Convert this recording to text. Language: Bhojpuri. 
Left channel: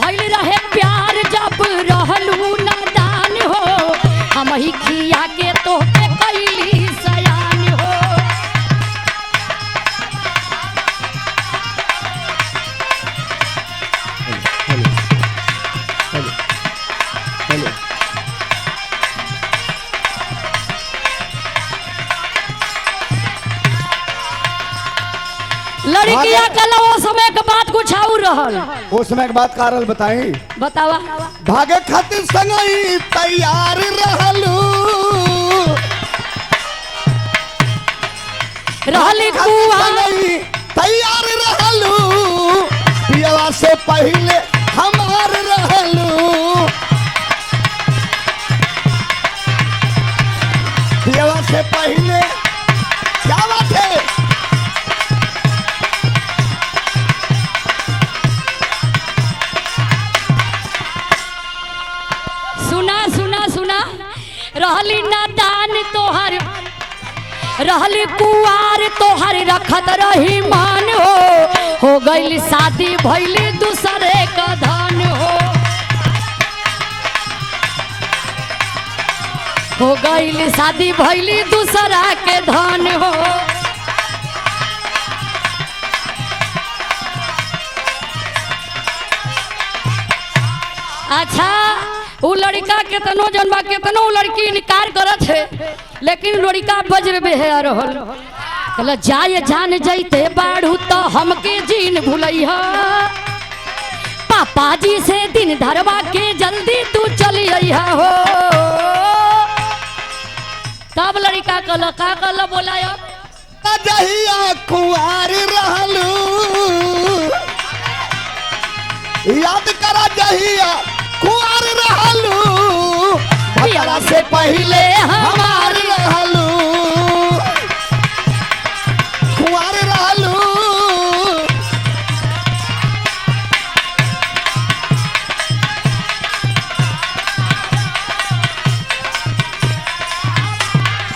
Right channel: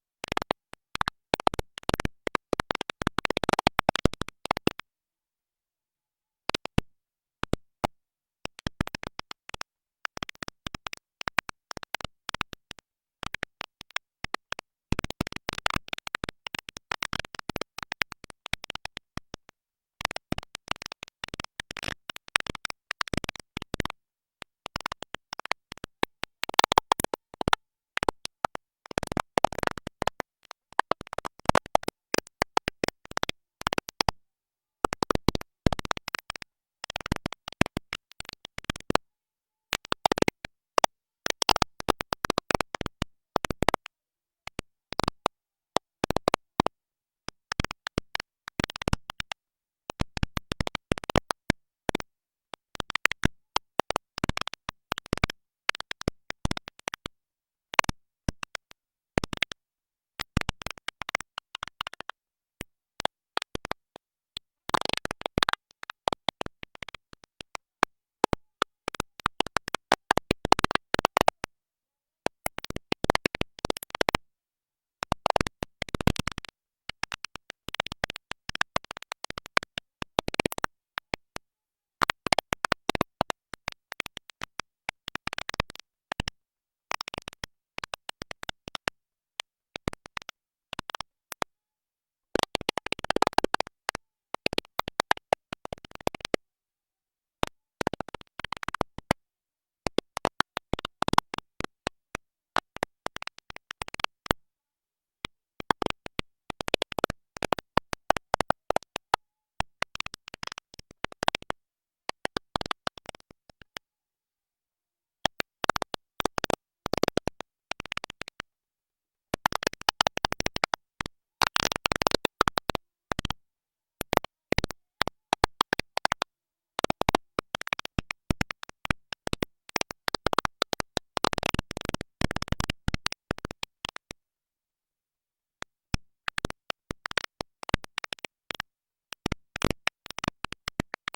भइल रहे प्यार जब रहलू नादान हो हम ही खिया के तोहके कैली सयान हो। लड़किया कल वो समय के बात कुछ और रहल। उस समय के बात कारल बताई बतावा। भागे खातिर संगई तैयार रहलू रहली कुआं तैयार रहलू पियवा से पहले हमार रहलू पियवा से पहले क्या बात है। सुना सुना सुना रहली नादान तोहर रहली कुआर तोहर रखत रही मान हो गइल शादी भइली दूसरे का धन हो गइल शादी भइली दूसरा के धन हो। अच्छा वो लड़का केतनो जनबा केतनो लड़की इनकार करत है लेकिन लड़का वज्र बेहया रहल कहला जाय जान जैते बाड़ू तो हमके जीन भुलैहा पापा जी से दिन धरवा के जल्दी तू चली अइहा हो। तब लड़का कहला का कहला बोलाया जहिया कुंवार रहलू याद करा जहिया कुंवार रहलू पियवा से पहले हमार